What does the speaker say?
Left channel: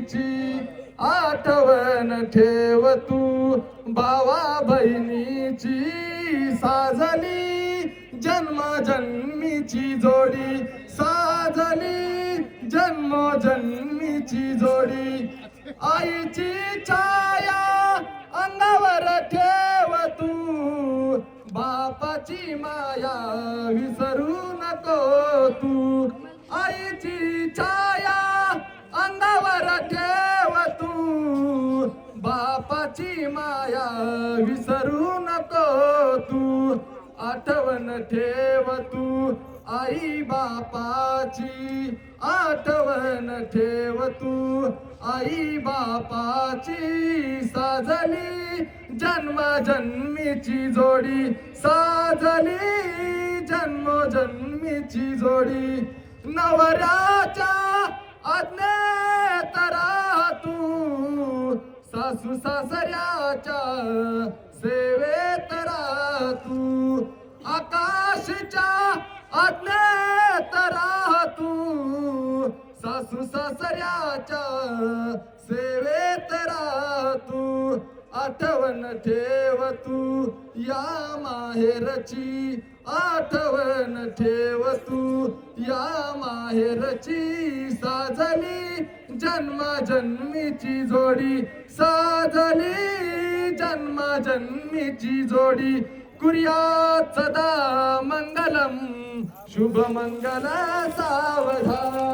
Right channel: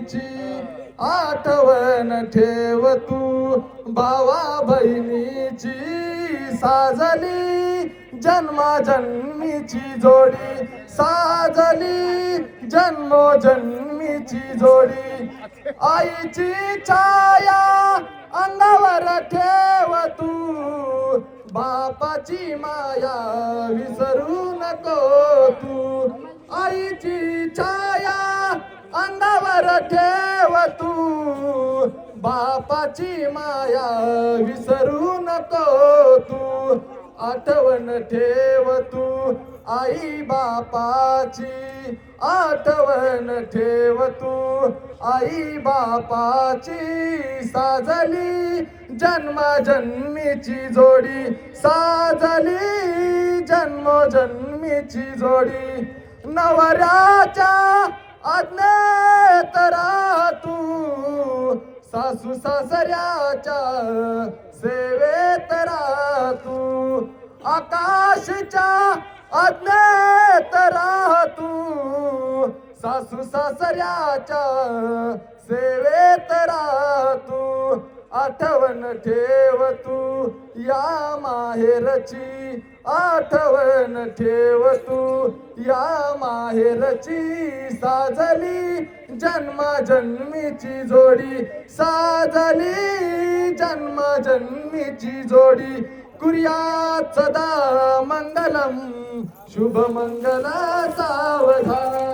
ची आठवण ठेव तू, भावा बहिणीची साजली जन्माजन्मीची जोडी, साजली जन्मोजन्मीची जोडी. आईची छाया अंगावर ठेव तू, बापाची माया विसरू नको तू. आईची छाया अंगावर ठेव तू, बापाची माया विसरू नको तू. आठवण ठेव तू आई बापाची, आठवण ठेव तू आई बापाची. साजली जन्मजन्मीची जोडी, साजली जन्मजन्मीची जोडी. नवऱ्याच्या आज्ञेत राह तू, सासू सासऱ्याच्या सेवेत राह तू. आकाशच्या आज्ञेत राह तू, सासू सासऱ्याच्या सेवेत राह तू. आठवण ठेव तू या माहेरची, आठवण ठेव तू या माहेरची. साजली जन्मजन्मीची जोडी, साजली जन्मजन्मीची जोडी. कुर्यात सदा मंगलम शुभमंगल सावधान.